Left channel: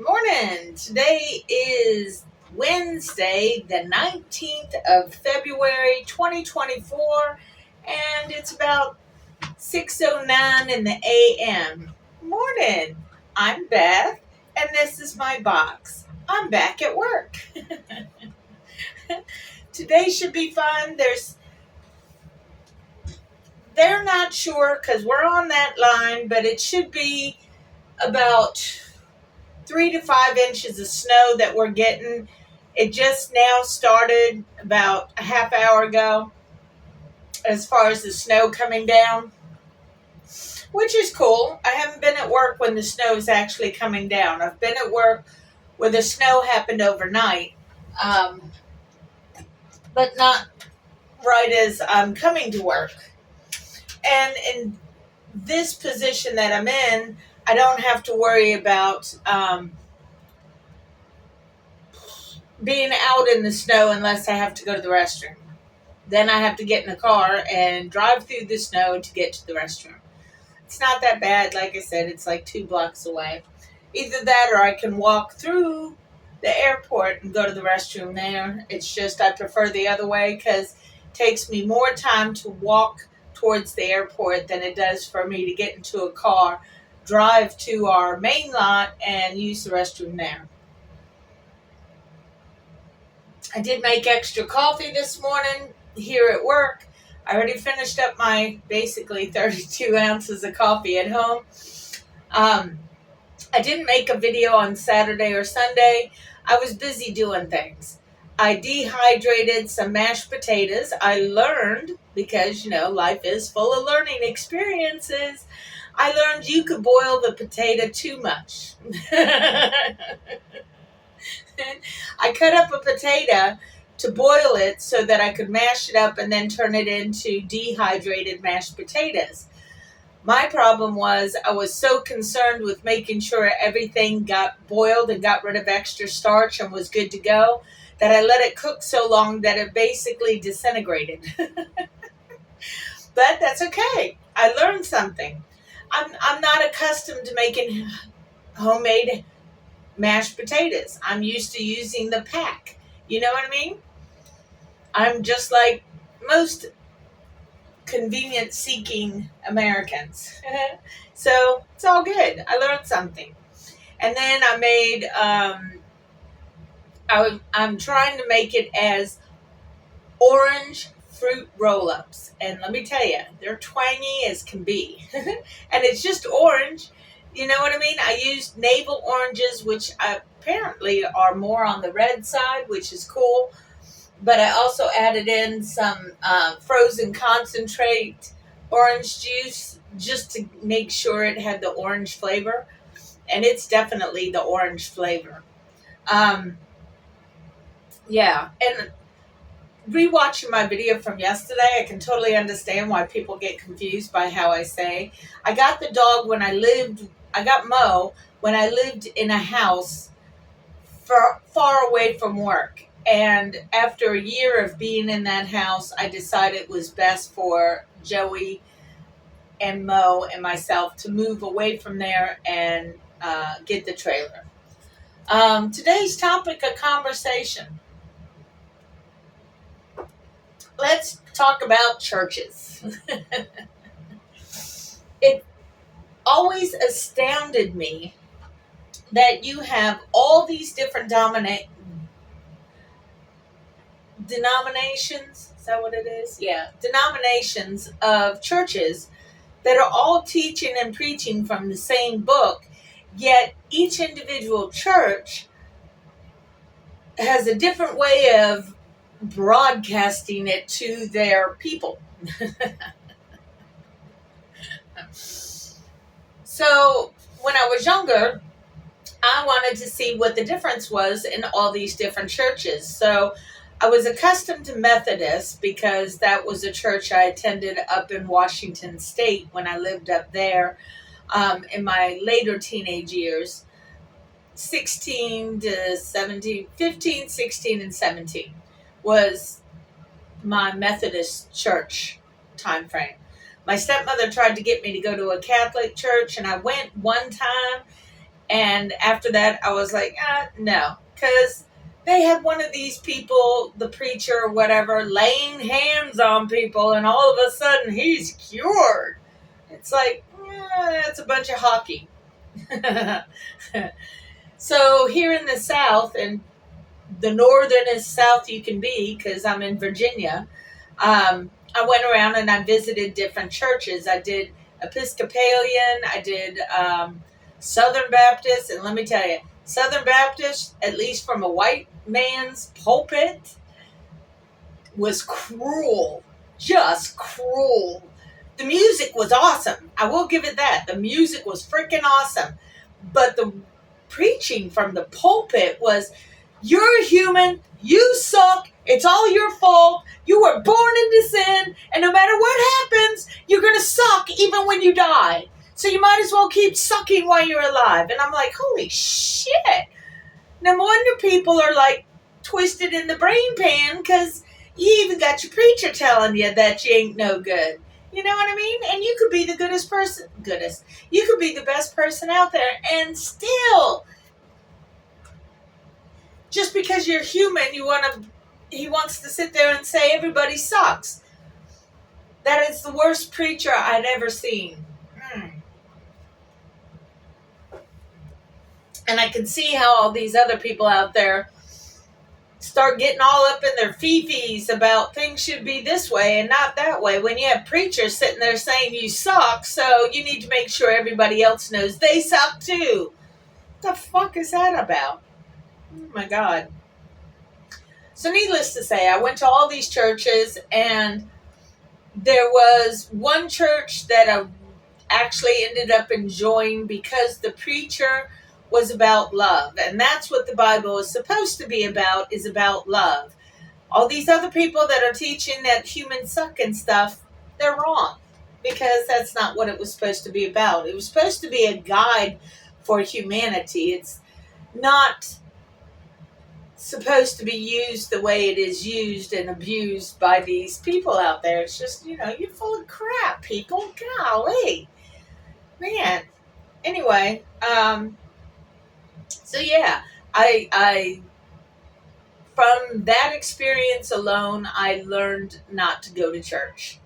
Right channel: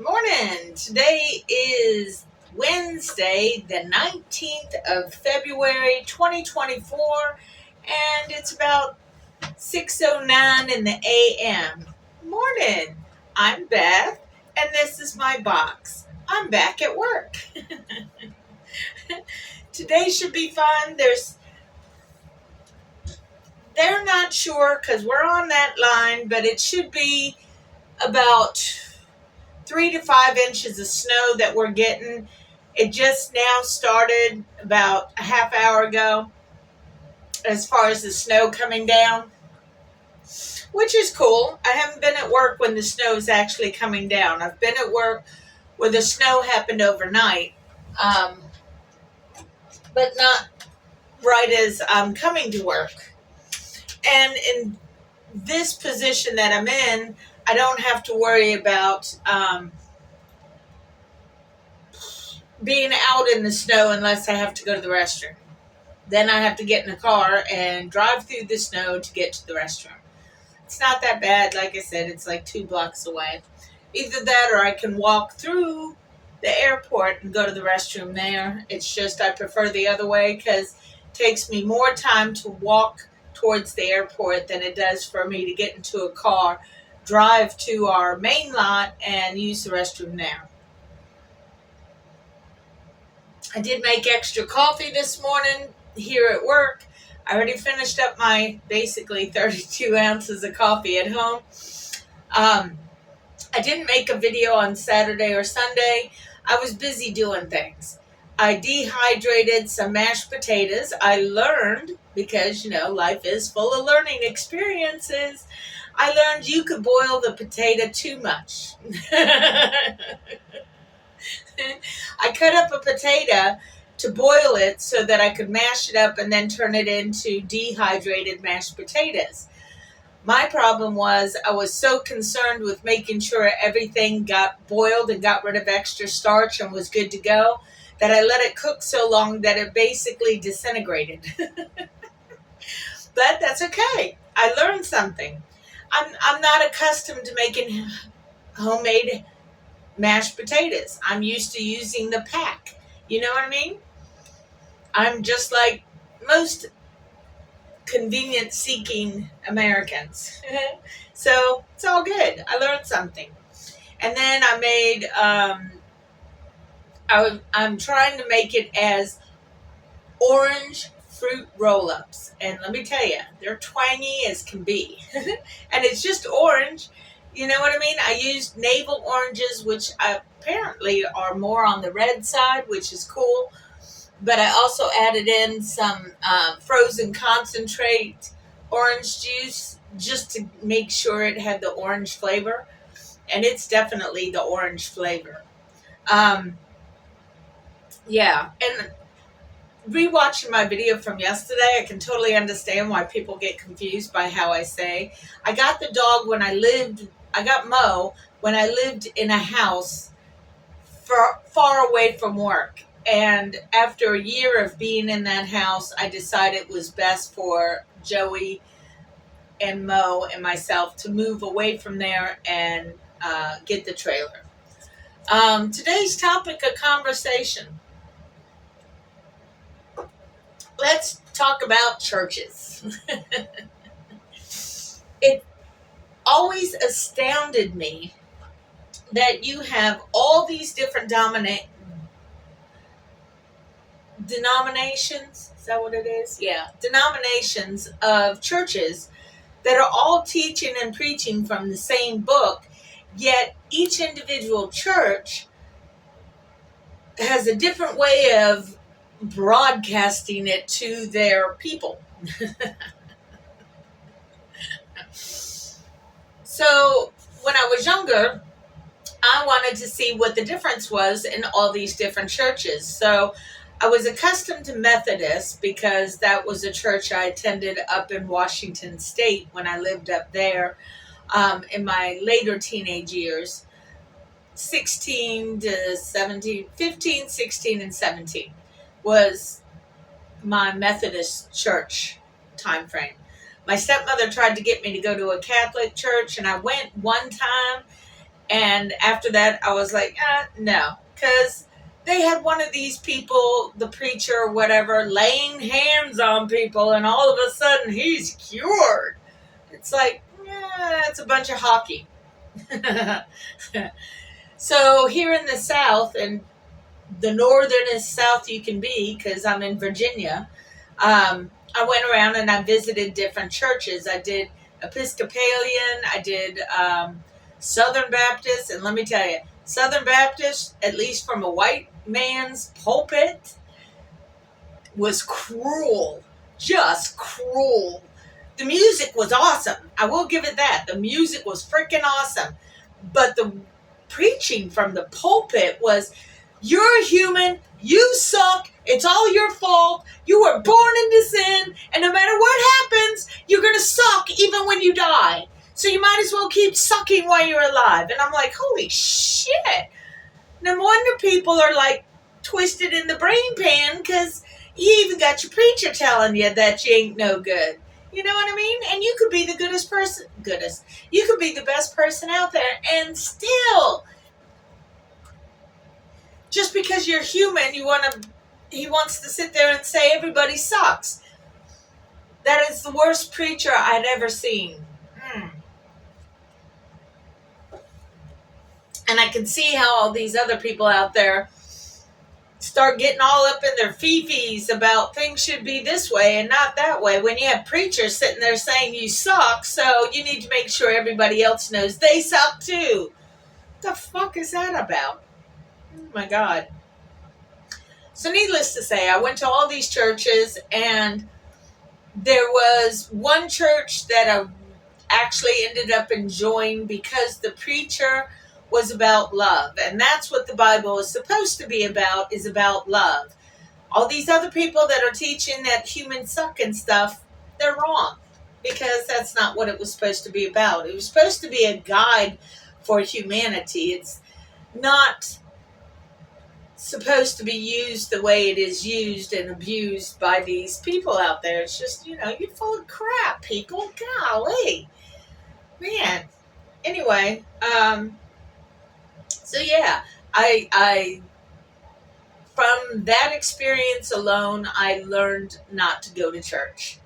Morning. Today is Wednesday, the 19th of February, 2024, and it's about 6:09 in the a.m. Morning. I'm Beth, and this is my box. I'm back at work. Today should be fun. They're not sure because we're on that line, but it should be about 3 to 5 inches of snow that we're getting. It just now started about a half hour ago as far as the snow coming down, which is cool. I haven't been at work when the snow is actually coming down. I've been at work where the snow happened overnight, um, but not right as I'm coming to work. And in this position that I'm in, I don't have to worry about being out in the snow unless I have to go to the restroom. Then I have to get in a car and drive through the snow to get to the restroom. It's not that bad. Like I said, it's like 2 blocks away. Either that or I can walk through the airport and go to the restroom there. It's just I prefer the other way because it takes me more time to walk towards the airport than it does for me to get into a car, drive to our main lot, and use the restroom there. I did make extra coffee this morning here at work. I already finished up my basically 32 ounces of coffee at home. I didn't make a video on Saturday or Sunday. I was busy doing things. I dehydrated some mashed potatoes. I learned, because, life is full of learning experiences. I learned you could boil the potato too much. I cut up a potato to boil it so that I could mash it up and then turn it into dehydrated mashed potatoes. My problem was I was so concerned with making sure everything got boiled and got rid of extra starch and was good to go that I let it cook so long that it basically disintegrated. But that's okay. I learned something. I'm not accustomed to making homemade mashed potatoes. I'm used to using the pack. You know what I mean? I'm just like most convenience seeking Americans. So it's all good. I learned something. And then I made, I'm trying to make it as orange fruit roll-ups. And let me tell you, they're twangy as can be. And it's just orange. You know what I mean? I used navel oranges, which apparently are more on the red side, which is cool. But I also added in some frozen concentrate orange juice just to make sure it had the orange flavor. And it's definitely the orange flavor. Yeah. And rewatching my video from yesterday, I can totally understand why people get confused by how I say. I got the dog I got Mo when I lived in a house far away from work. And after a year of being in that house, I decided it was best for Joey and Mo and myself to move away from there and get the trailer. Today's topic of conversation. Let's talk about churches. It always astounded me that you have all these different denominations. Is that what it is? Yeah. Denominations of churches that are all teaching and preaching from the same book, yet each individual church has a different way of broadcasting it to their people. So when I was younger, I wanted to see what the difference was in all these different churches. So I was accustomed to Methodist because that was a church I attended up in Washington State when I lived up there in my later teenage years, 16 to 17, 15, 16, and 17 was my Methodist church time frame. My stepmother tried to get me to go to a Catholic church, and I went one time, And after that, I was like, no, because they had one of these people, the preacher or whatever, laying hands on people, and all of a sudden he's cured. It's like, that's a bunch of hockey. So here in the South, and the northernest South you can be, because I'm in Virginia, I went around and I visited different churches. I did Episcopalian, I did Southern Baptist, and let me tell you, Southern Baptist, at least from a white man's pulpit, was cruel. Just cruel. The music was awesome. I will give it that. The music was freaking awesome. But the preaching from the pulpit was, you're a human, you suck, it's all your fault, you were born into sin, and no matter what happens, you're going to suck even when you die. So you might as well keep sucking while you're alive. And I'm like, holy shit. No wonder people are like twisted in the brain pan, because you even got your preacher telling you that you ain't no good. You know what I mean? And you could be the you could be the best person out there, and still, just because you're human, he wants to sit there and say everybody sucks. That is the worst preacher I'd ever seen. And I can see how all these other people out there start getting all up in their fifis about things should be this way and not that way, when you have preachers sitting there saying you suck, so you need to make sure everybody else knows they suck too. What the fuck is that about? Oh my God. So needless to say, I went to all these churches, and there was one church that I actually ended up enjoying because the preacher was about love. And that's what the Bible is supposed to be about, is about love. All these other people that are teaching that humans suck and stuff, they're wrong, because that's not what it was supposed to be about. It was supposed to be a guide for humanity. It's not supposed to be used the way it is used and abused by these people out there. It's just, you're full of crap, people. Golly. Man. Anyway, so yeah, I from that experience alone, I learned not to go to church.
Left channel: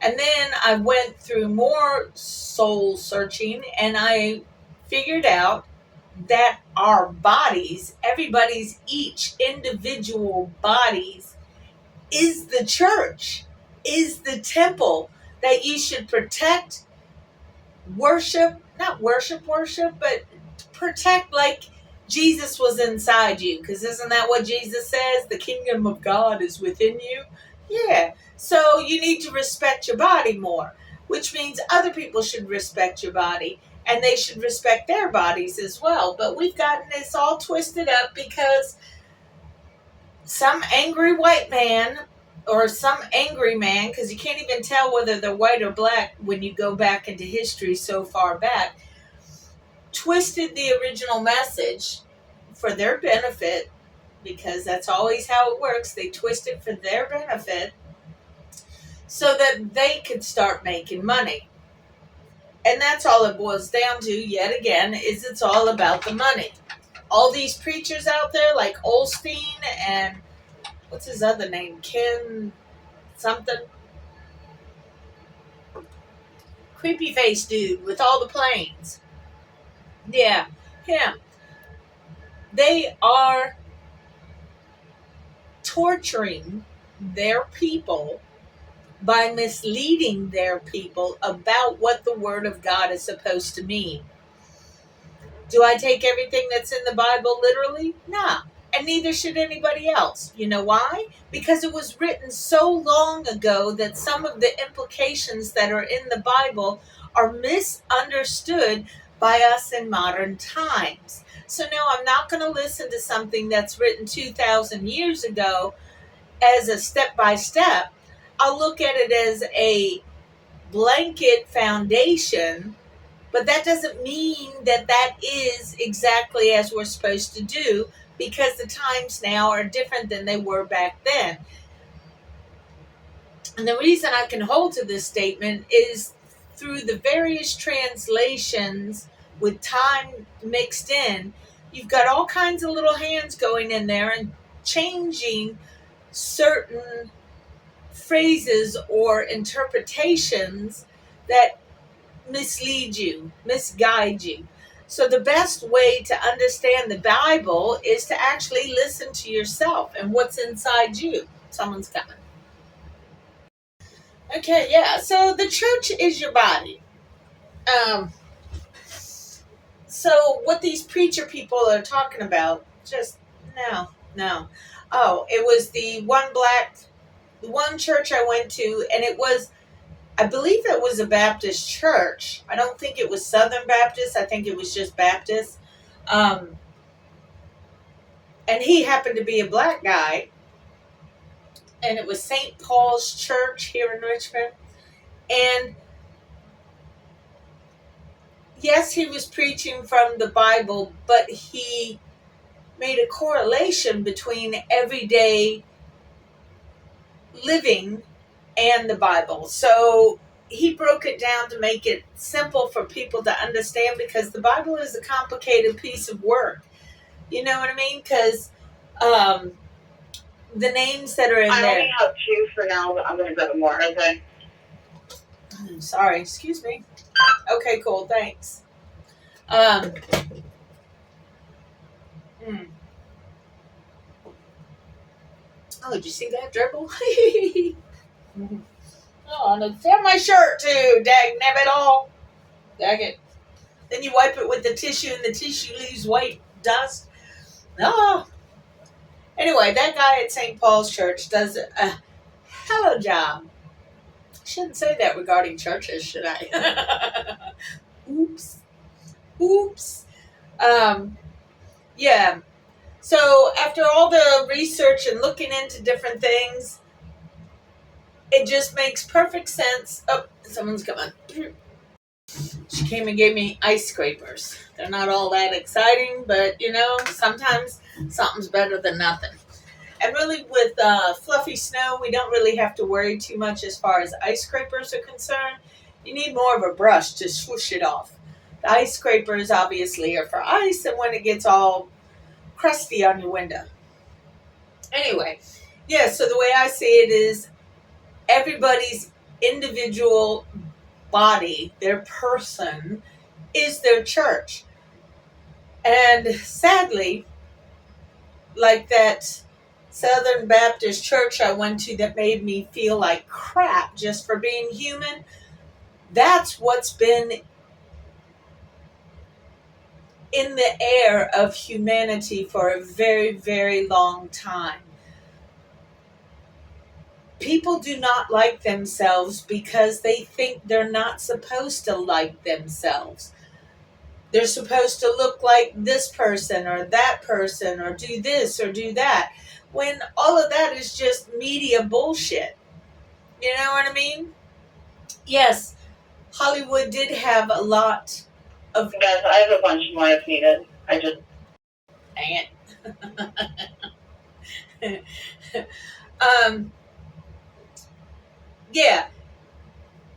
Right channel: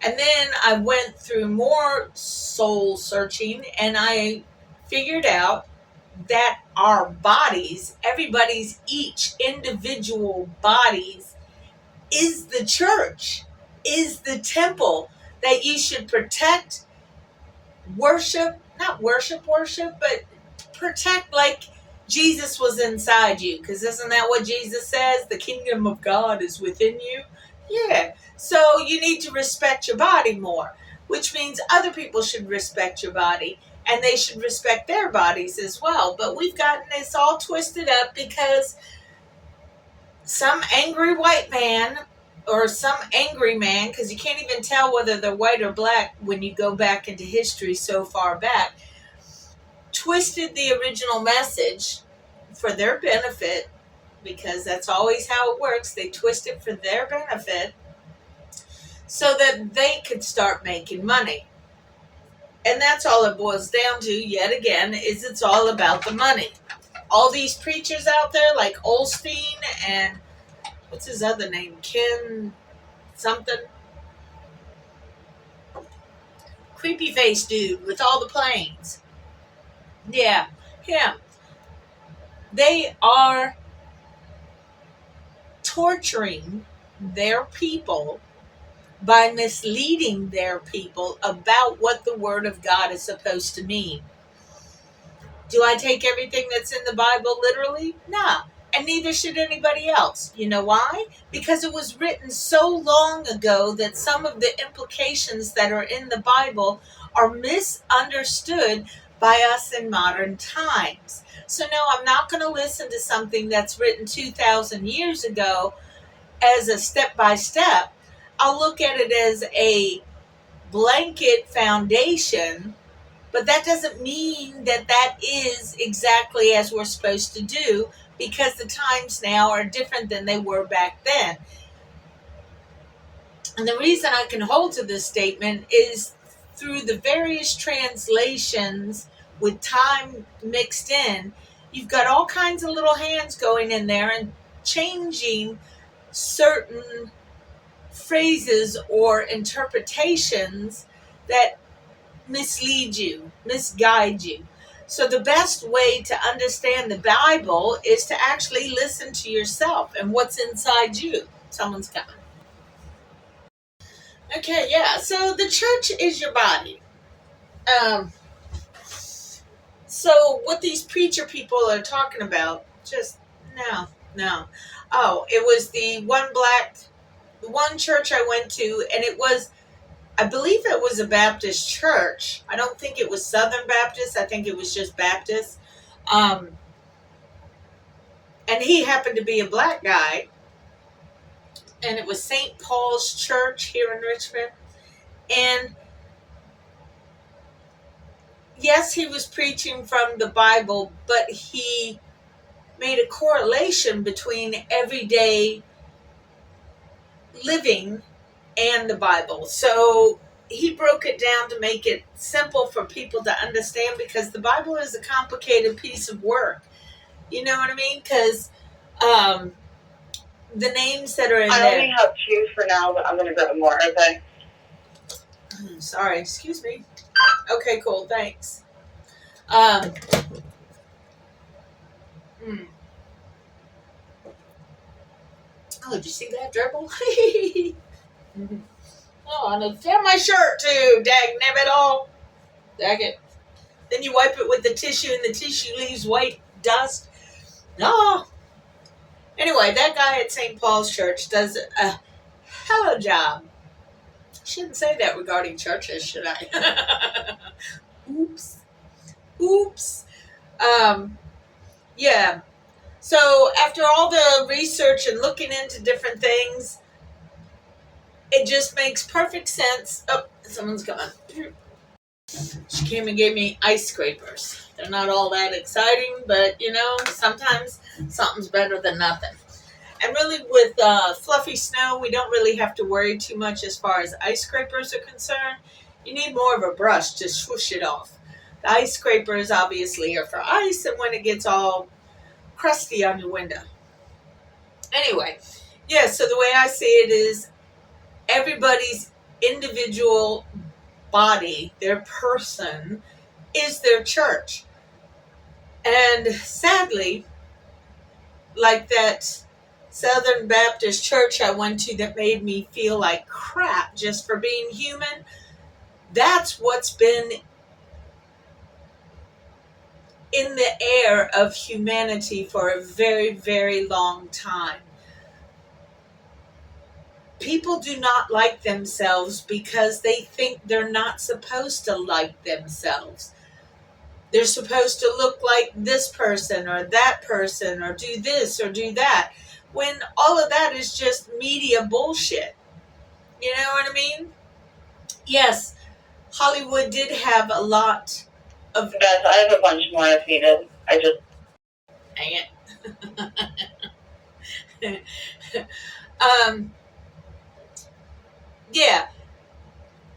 And then I went through more soul searching, and I figured out that our bodies, everybody's each individual bodies, is the church, is the temple that you should protect, not worship, but protect like Jesus was inside you. Because isn't that what Jesus says? The kingdom of God is within you. Yeah. So you need to respect your body more, which means other people should respect your body, and they should respect their bodies as well. But we've gotten this all twisted up because some angry white man, or some angry man, because you can't even tell whether they're white or black when you go back into history so far back, twisted the original message for their benefit, because that's always how it works. They twist it for their benefit so that they could start making money. And that's all it boils down to, yet again, is it's all about the money. All these preachers out there like Olstein and what's his other name? Ken something? Creepy face dude with all the planes. Yeah, him. They are torturing their people by misleading their people about what the Word of God is supposed to mean. Do I take everything that's in the Bible literally? Nah. And neither should anybody else. You know why? Because it was written so long ago that some of the implications that are in the Bible are misunderstood by us in modern times. So no, I'm not going to listen to something that's written 2,000 years ago as a step-by-step. I'll look at it as a blanket foundation, but that doesn't mean that that is exactly as we're supposed to do, because the times now are different than they were back then. And the reason I can hold to this statement is through the various translations with time mixed in, you've got all kinds of little hands going in there and changing certain phrases or interpretations that mislead you, misguide you. So the best way to understand the Bible is to actually listen to yourself and what's inside you. Someone's coming. Okay, yeah. So the church is your body. Um, so what these preacher people are talking about, just no. Oh, it was the one church I went to, and it was, I believe it was a Baptist church. I don't think it was Southern Baptist. I think it was just Baptist. Um, and he happened to be a black guy. And it was St. Paul's Church here in Richmond. And yes, he was preaching from the Bible, but he made a correlation between everyday living and the Bible. So he broke it down to make it simple for people to understand, because the Bible is a complicated piece of work. You know what I mean? Because the names that are in there. I only have 2 for now, but I'm going to get more, okay? Sorry, excuse me. Okay, cool, thanks. Oh, did you see that dribble? Oh, and it's on my shirt too. Dag nabbit all. Dag it. Then you wipe it with the tissue, and the tissue leaves white dust. Oh. Anyway, that guy at St. Paul's Church does a hell of a job. Shouldn't say that regarding churches, should I? Oops. Yeah. So after all the research and looking into different things, it just makes perfect sense. Oh, someone's coming. She came and gave me ice scrapers. They're not all that exciting, but sometimes something's better than nothing. And really, with fluffy snow, we don't really have to worry too much as far as ice scrapers are concerned. You need more of a brush to swoosh it off. The ice scrapers obviously are for ice, and when it gets all crusty on your window. Anyway, yeah, so the way I see it is everybody's individual body, their person, is their church. And sadly, like that Southern Baptist church I went to that made me feel like crap just for being human, that's what's been in the air of humanity for a very, very long time. People do not like themselves because they think they're not supposed to like themselves. They're supposed to look like this person or that person, or do this or do that, when all of that is just media bullshit. You know what I mean? Yes, Hollywood did have a lot of... Yes, I have a bunch more if needed. I just... Dang it. Yeah.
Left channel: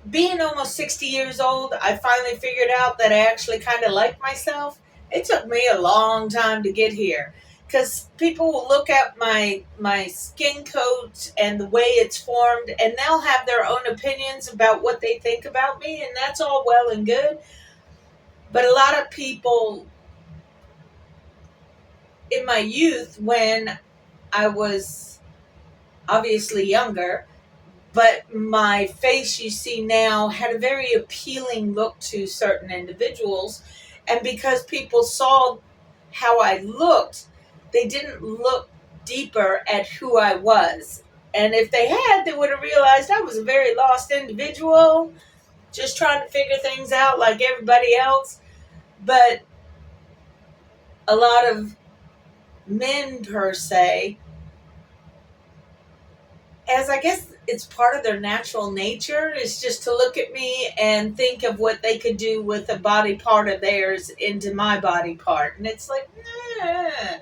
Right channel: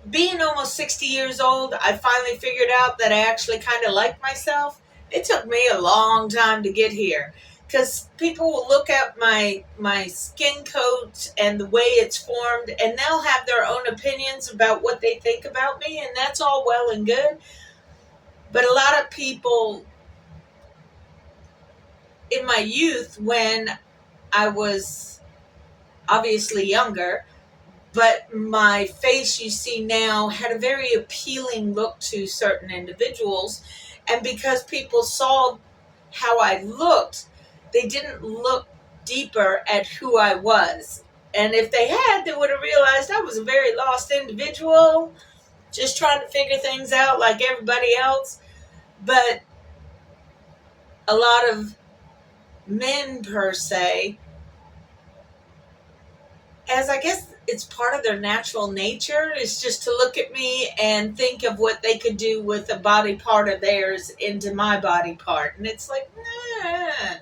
Being almost 60 years old, I finally figured out that I actually kind of like myself. It took me a long time to get here, because people will look at my skin coat and the way it's formed, and they'll have their own opinions about what they think about me, and that's all well and good. But a lot of people in my youth, when I was obviously younger, but my face you see now had a very appealing look to certain individuals. And because people saw how I looked, they didn't look deeper at who I was. And if they had, they would have realized I was a very lost individual, just trying to figure things out like everybody else. But a lot of men, per se, as I guess it's part of their natural nature, is just to look at me and think of what they could do with a body part of theirs into my body part. And it's like, nah.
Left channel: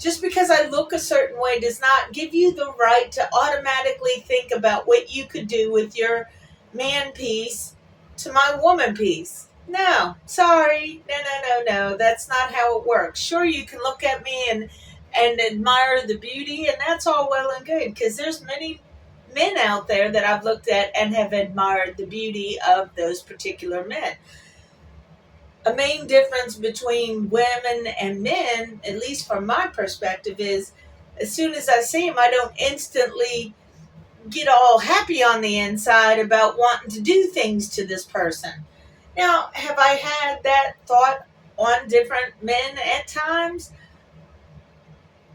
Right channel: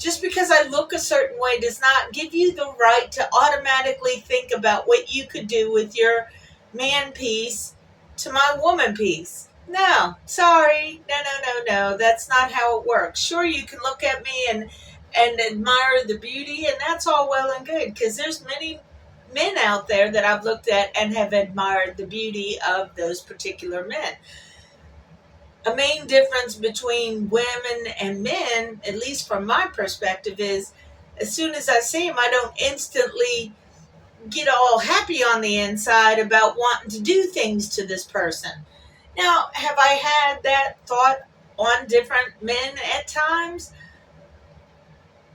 Just because I look a certain way does not give you the right to automatically think about what you could do with your man piece to my woman piece. No, sorry. No. That's not how it works. Sure, you can look at me and admire the beauty, and that's all well and good, because there's many men out there that I've looked at and have admired the beauty of those particular men. A main difference between women and men, at least from my perspective, is as soon as I see him, I don't instantly get all happy on the inside about wanting to do things to this person. Now, have I had that thought on different men at times?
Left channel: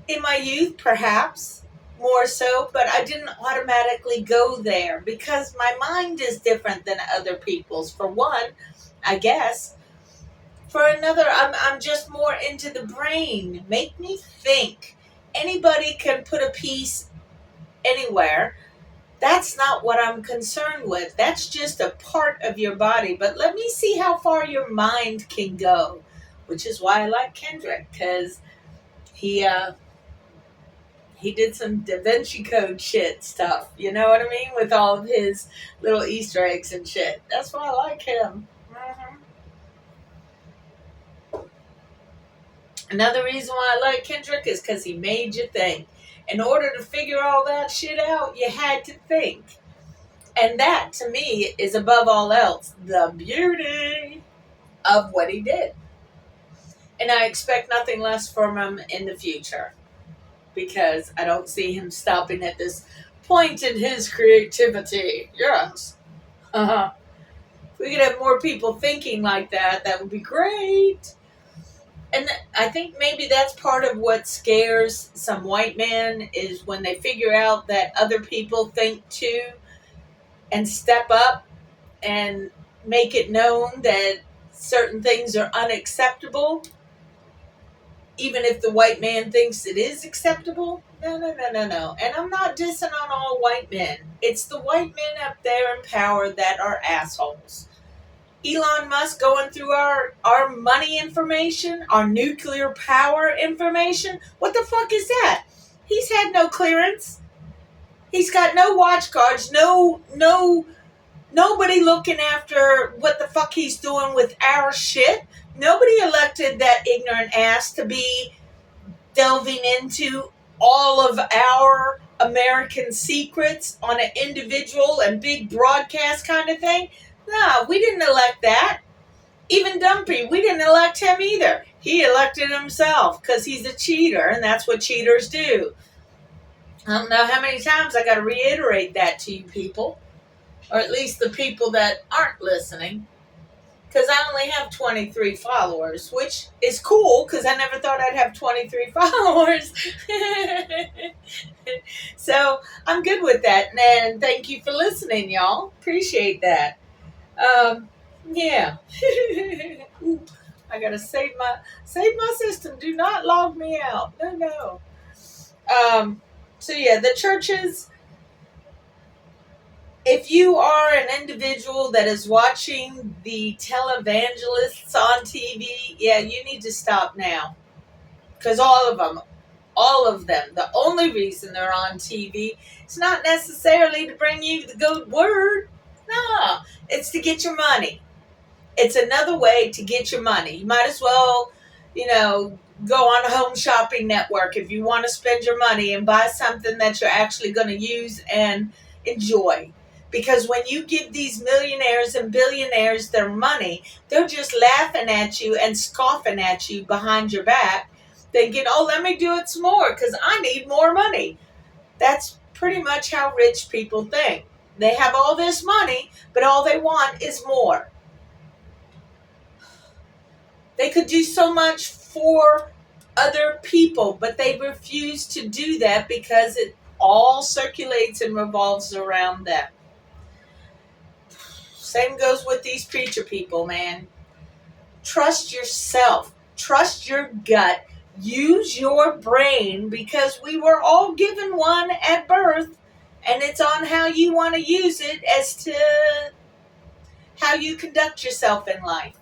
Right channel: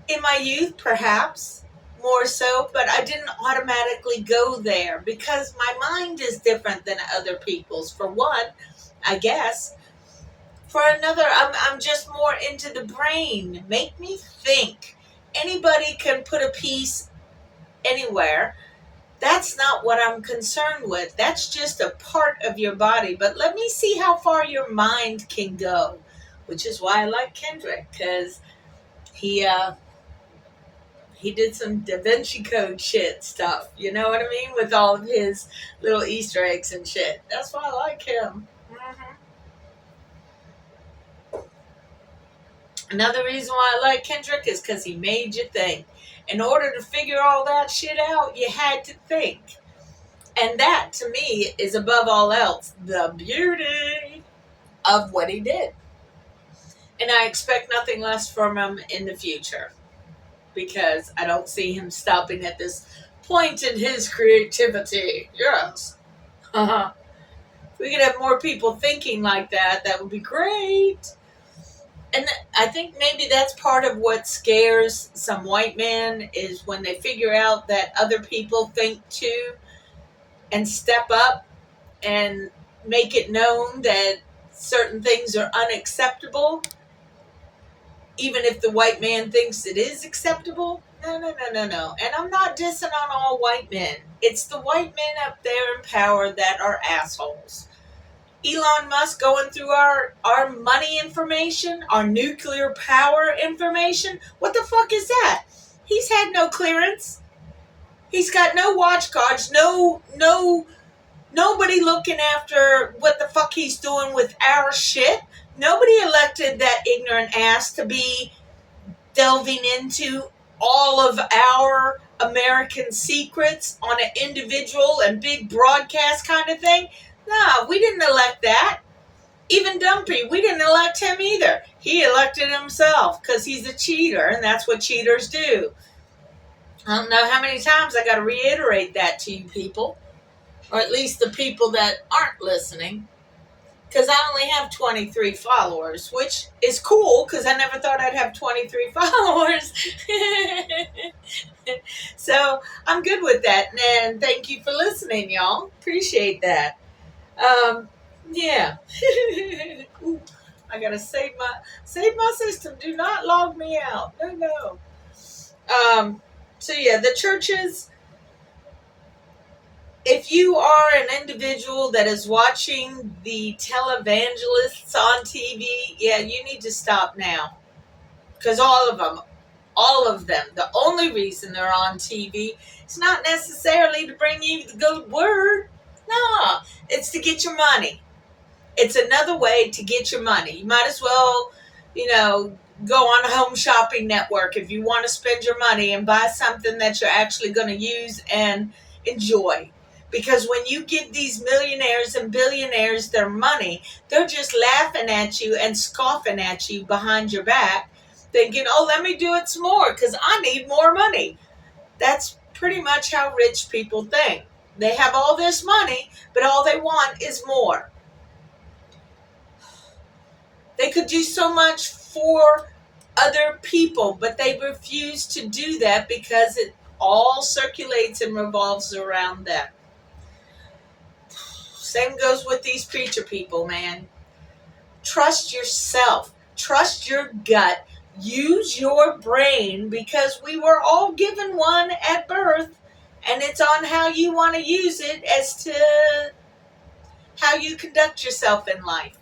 In my youth, perhaps more so, but I didn't automatically go there because my mind is different than other people's. For one, I guess. For another, I'm just more into the brain. Make me think. Anybody can put a piece anywhere. That's not what I'm concerned with. That's just a part of your body. But let me see how far your mind can go, which is why I like Kendrick, because he did some Da Vinci Code shit stuff. You know what I mean? With all of his little Easter eggs and shit. That's why I like him. Mm-hmm. Another reason why I like Kendrick is because he made you think. In order to figure all that shit out, you had to think. And that, to me, is above all else the beauty of what he did. And I expect nothing less from him in the future, because I don't see him stopping at this point in his creativity. Yes. If we could have more people thinking like that, that would be great. And I think maybe that's part of what scares some white men, is when they figure out that other people think too and step up and make it known that certain things are unacceptable, even if the white man thinks it is acceptable. No. And I'm not dissing on all white men. It's the white men up there in power that are assholes. Elon Musk going through our money information, our nuclear power information. What the fuck is that? He's had no clearance. He's got no watch guards, nobody looking after what the fuck he's doing with our shit. Nobody elected that ignorant ass to be delving into all of our American secrets on an individual and big broadcast kind of thing. No, we didn't elect that. Even Dumpy, we didn't elect him either. He elected himself because he's a cheater, and that's what cheaters do. I don't know how many times I got to reiterate that to you people, or at least the people that aren't listening, because I only have 23 followers, which is cool because I never thought I'd have 23 followers. So I'm good with that, and thank you for listening, y'all. Appreciate that. Yeah. Ooh, I gotta save my system. Do not log me out. No. So yeah, the churches. If you are an individual that is watching the televangelists on TV, yeah, you need to stop now, because all of them, the only reason they're on TV is not necessarily to bring you the good word. No, it's to get your money. It's another way to get your money. You might as well, go on a home shopping network if you want to spend your money and buy something that you're actually going to use and enjoy. Because when you give these millionaires and billionaires their money, they're just laughing at you and scoffing at you behind your back, thinking, oh, let me do it some more because I need more money. That's pretty much how rich people think. They have all this money, but all they want is more. They could do so much for other people, but they refuse to do that because it all circulates and revolves around them. Same goes with these preacher people, man. Trust yourself. Trust your gut. Use your brain, because we were all given one at birth, and it's on how you want to use it as to how you conduct yourself in life.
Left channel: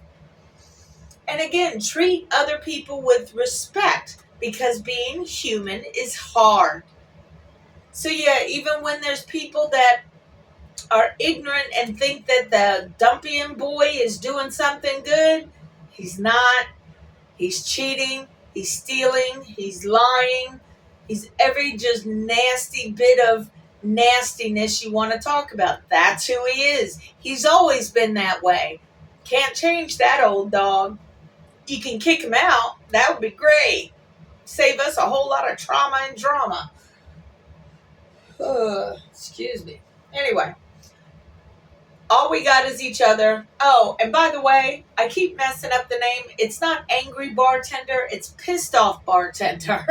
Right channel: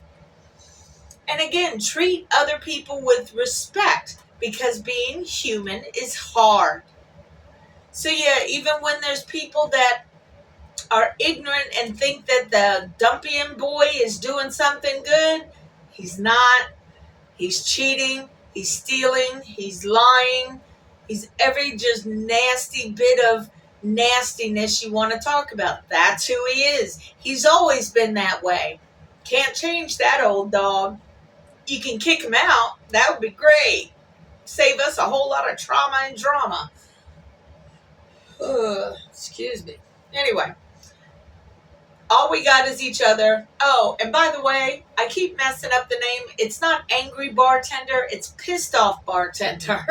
And again, treat other people with respect, because being human is hard. So yeah, even when there's people that are ignorant and think that the Dumpian boy is doing something good. He's not. He's cheating. He's stealing. He's lying. He's every just nasty bit of nastiness you want to talk about. That's who he is. He's always been that way. Can't change that old dog. You can kick him out. That would be great. Save us a whole lot of trauma and drama. Excuse me. Anyway, all we got is each other. Oh, and by the way, I keep messing up the name. It's not angry bartender. It's pissed off bartender.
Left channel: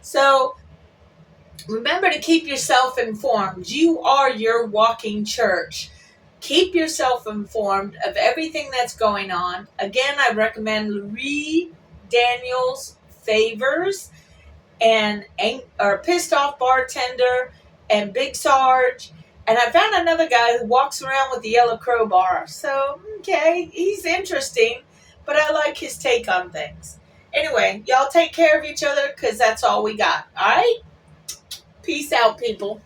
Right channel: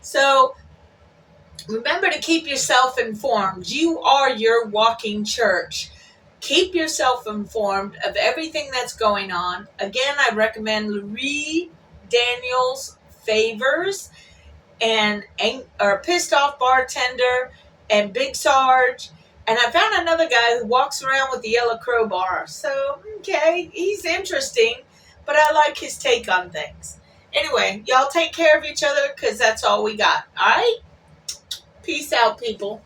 So remember to keep yourself informed. You are your walking church. Keep yourself informed of everything that's going on. Again, I recommend Louis Daniels Favors and Pissed Off Bartender and Big Sarge. And I found another guy who walks around with the yellow crowbar. So, okay, he's interesting, but I like his take on things. Anyway, y'all take care of each other because that's all we got. All right? Peace out, people.